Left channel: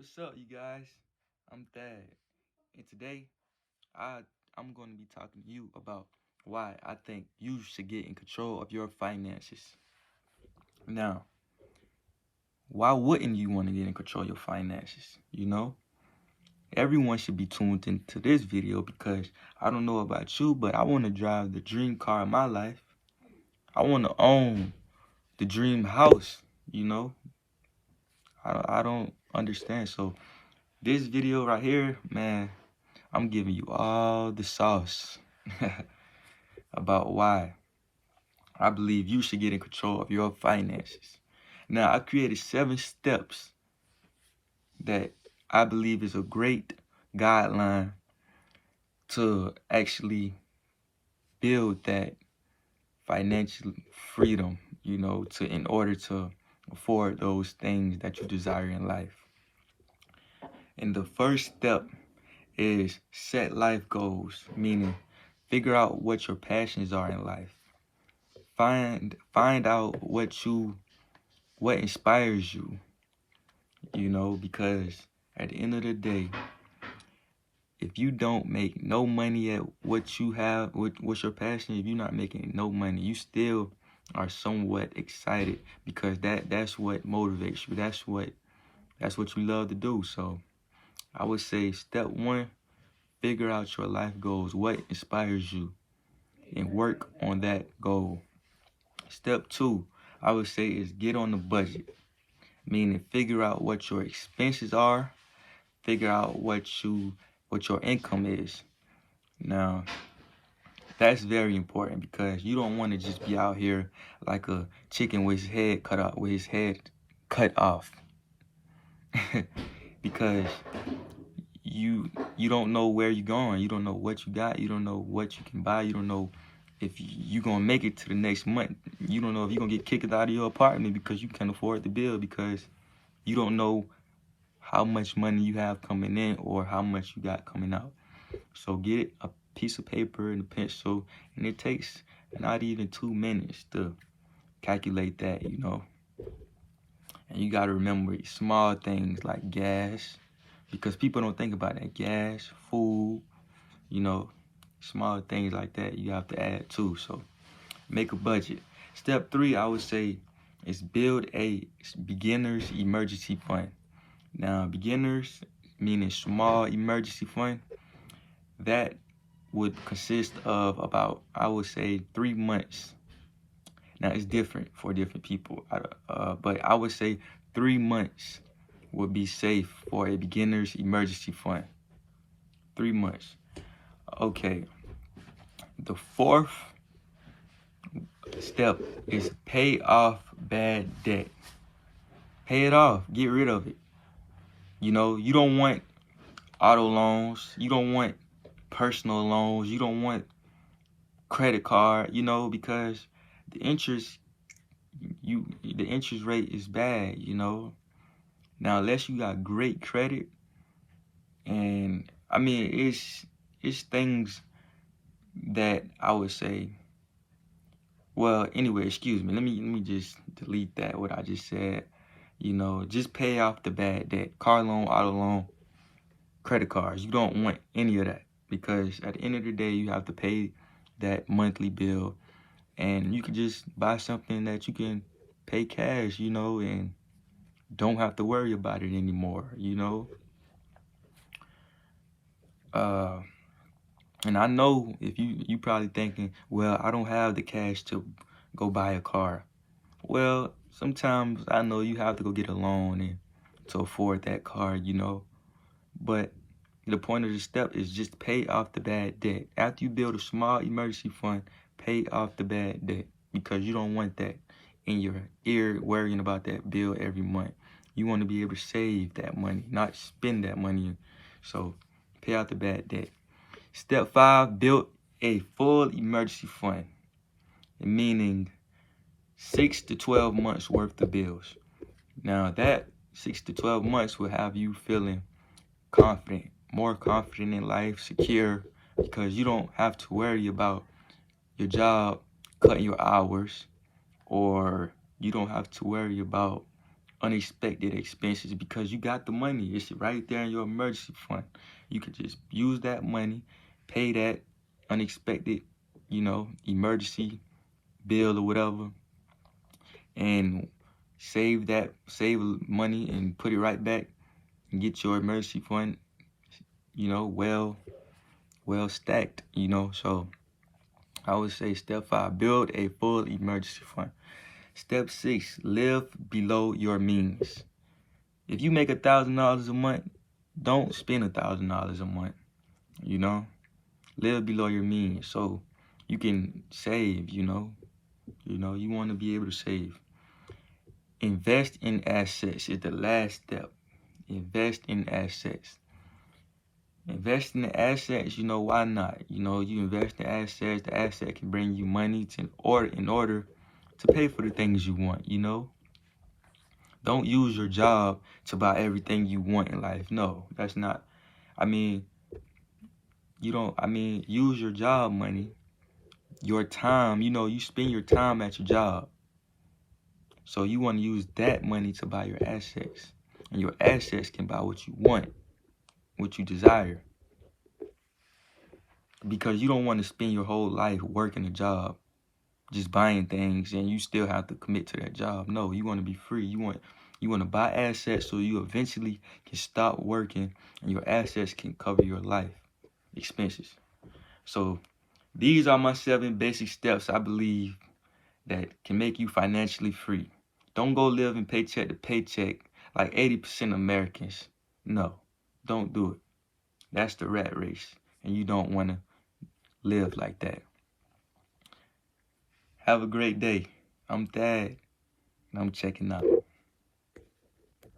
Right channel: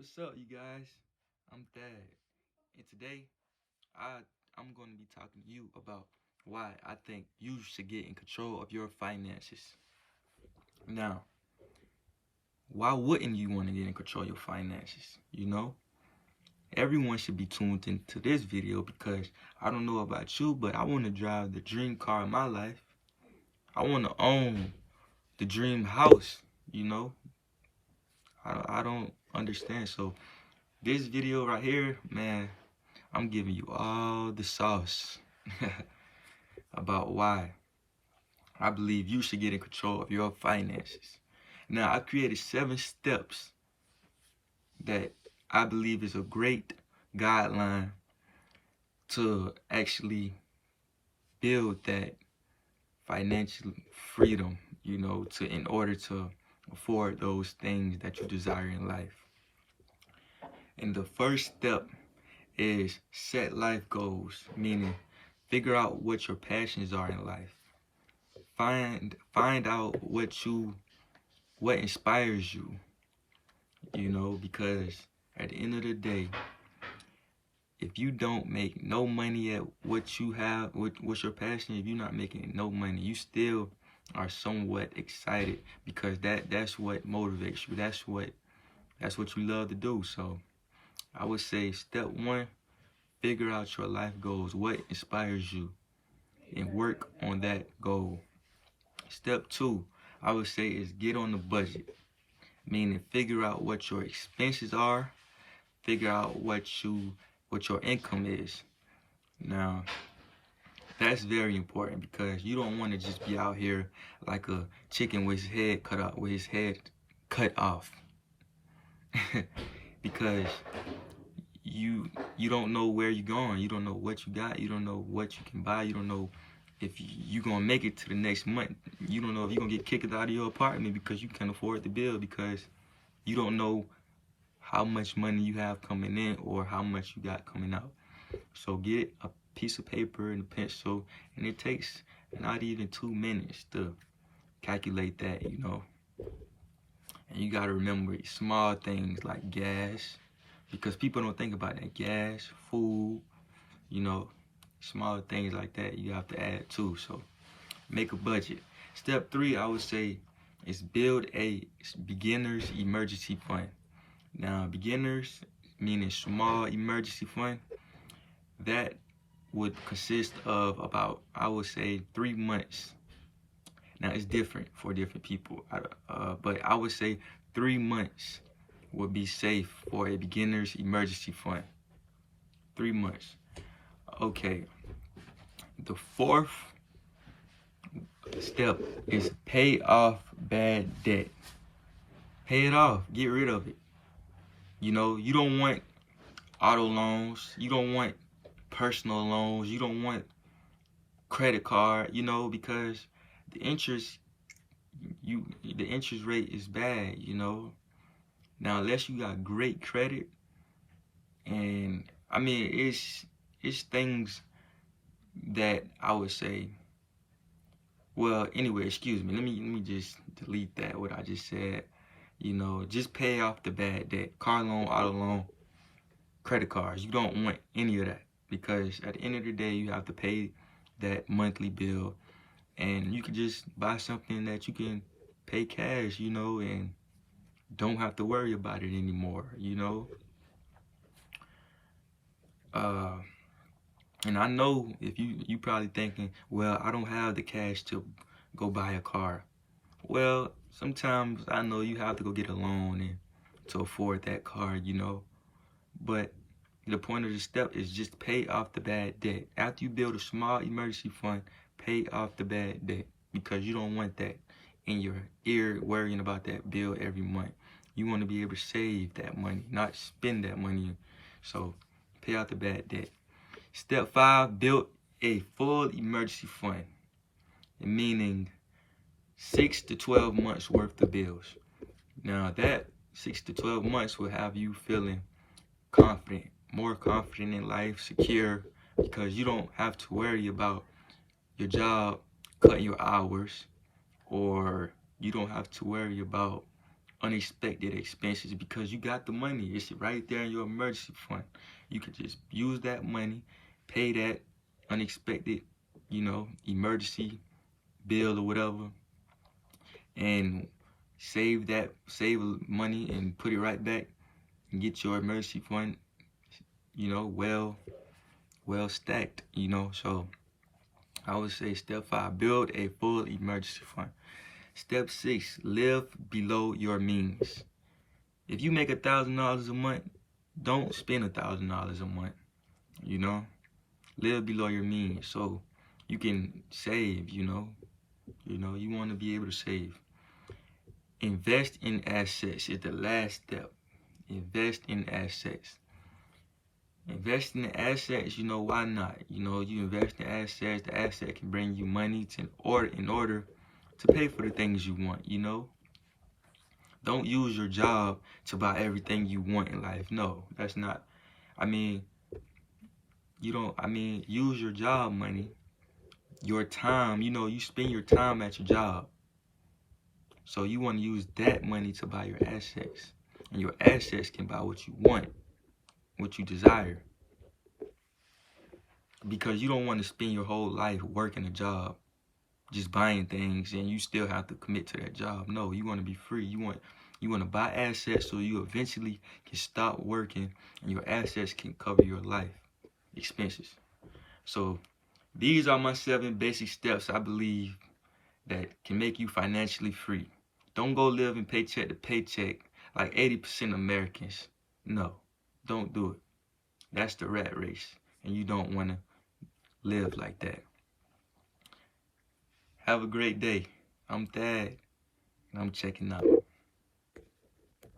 What's up, you guys? I'm Thad, and today I'm going to be talking to you about why I think you should get in control of your finances. Now, why wouldn't you want to get in control of your finances? Everyone should be tuned into this video because I don't know about you, but I want to drive the dream car of my life. I want to own the dream house. You know, I don't understand. So this video right here, man, I'm giving you all the sauce about why I believe you should get in control of your finances. Now, I created 7 steps that I believe is a great guideline to actually build that financial freedom, in order to afford those things that you desire in life. And the first step is set life goals, meaning figure out what your passions are in life. Find out what inspires you, because at the end of the day, if you don't make no money at what you have, what's your passion, if you're not making no money, you still are somewhat excited because that's what motivates you. That's what you love to do. So I would say step 1, figure out your life goals, what inspires you, and work on that goal. Step 2, I would say, is get on the budget, meaning figure out what your expenses are, figure out what your income is. Now, that's very important because you don't want to just be out here like a chicken with his head cut off. Because you don't know where you're going. You don't know what you got. You don't know what you can buy. You don't know if you're going to make it to the next month. You don't know if you're going to get kicked out of your apartment because you can't afford the bill, because you don't know how much money you have coming in or how much you got coming out. So get a piece of paper and a pencil, and it takes not even 2 minutes to calculate that, And you got to remember small things like gas, because people don't think about that. Gas, food, small things like that you have to add too. So make a budget. Step 3, I would say, is build a beginner's emergency fund. Now, beginners, meaning small emergency fund, that would consist of about, I would say, 3 months. Now, it's different for different people, but I would say 3 months would be safe for a beginner's emergency fund. 3 months. Okay. The 4th step is pay off bad debt. Pay it off. Get rid of it. You don't want auto loans. You don't want personal loans. You don't want credit card, because the interest rate is bad, Now, unless you got great credit, and I mean, it's things that I would say. Well, anyway, excuse me. Let me just delete that what I just said. Just pay off the bad debt, car loan, auto loan, credit cards. You don't want any of that, because at the end of the day, you have to pay that monthly bill, and you can just buy something that you can pay cash, and don't have to worry about it anymore, And I know if you probably thinking, well, I don't have the cash to go buy a car. Well, sometimes I know you have to go get a loan and to afford that car, But the point of the step is just pay off the bad debt. After you build a small emergency fund, pay off the bad debt, because you don't want that in your ear worrying about that bill every month. You want to be able to save that money, not spend that money. So pay off the bad debt. Step 5, build a full emergency fund, meaning 6 to 12 months worth of bills. Now, that 6 to 12 months will have you feeling confident, more confident in life, secure, because you don't have to worry about your job cutting your hours, or you don't have to worry about unexpected expenses because you got the money. It's right there in your emergency fund. You could just use that money, pay that unexpected, emergency bill or whatever, and save money and put it right back and get your emergency fund, well stacked, So I would say step 5, build a full emergency fund. Step 6, live below your means. If you make $1,000 a month, don't spend $1,000 a month, Live below your means so you can save, you want to be able to save. Invest in assets is the last step. Invest in assets. Invest in the assets, why not? You invest in assets, the asset can bring you money in order to pay for the things you want, Don't use your job to buy everything you want in life. No, that's not. Use your job money, your time, you spend your time at your job. So you want to use that money to buy your assets. And your assets can buy what you want, what you desire. Because you don't want to spend your whole life working a job, just buying things, and you still have to commit to that job. No, you want to be free. You want to buy assets so you eventually can stop working and your assets can cover your life expenses. So these are my 7 basic steps I believe that can make you financially free. Don't go living paycheck to paycheck like 80% of Americans. No, don't do it. That's the rat race, and you don't want to live like that. Have a great day. I'm Thad, and I'm checking out.